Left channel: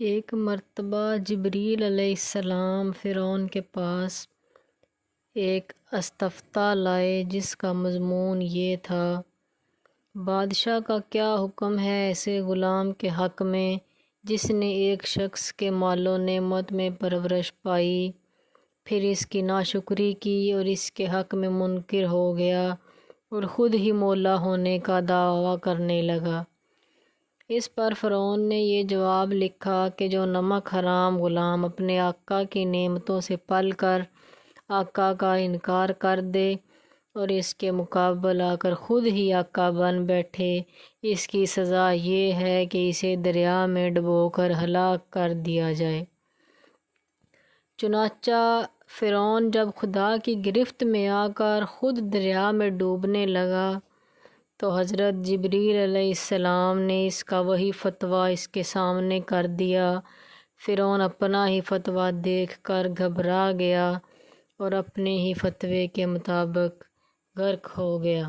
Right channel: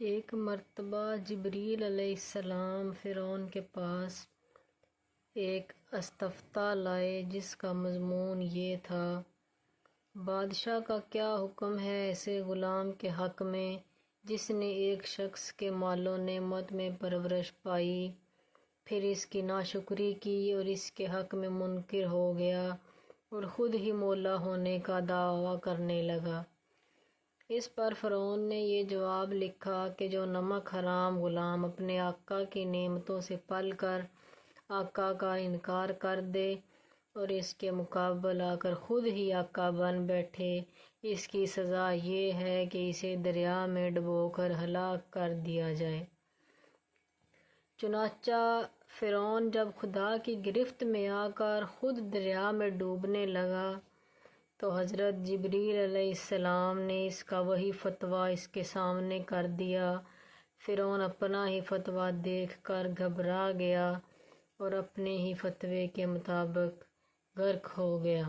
ایک مرتبہ جبریل علیہ السلام فرعون کے پاس ایک استفتاء لائے جس کا مضمون یہ تھا: بادشاہ کا کیا حکم ہے ایسے غلام کے حق میں جس نے ایک شخص کے مال و نعمت میں پرورش پائی، پھر اس کی ناشکری کی اور اس کے حق میں منکر ہو گیا اور خود ہی مولا ہونے کا دعویٰ کرنے لگا۔ اس پر فرعون نے یہ جواب لکھا کہ جو نمک حرام غلام اپنے آقا کی نعمتوں سے پل کر آقا کا انکار کر دے اور اس کے مقابل آ کر خود ہی آقا بن بیٹھے، اس کی سزا یہ ہے کہ اسے دریا میں ڈبو کر ہلاک کر دیا جائے۔ چنانچہ فرعون جب خدا کی گرفت میں آ کر خود دریا میں ڈوبنے لگا تو حضرت جبریل علیہ السلام نے اس کا وہی فتویٰ اس کے سامنے کر دیا۔ فرعون اپنا ہی فتویٰ دیکھ کر گھبرا گیا اور اپنے ہی فتوے کے مطابق غرق ہو گیا۔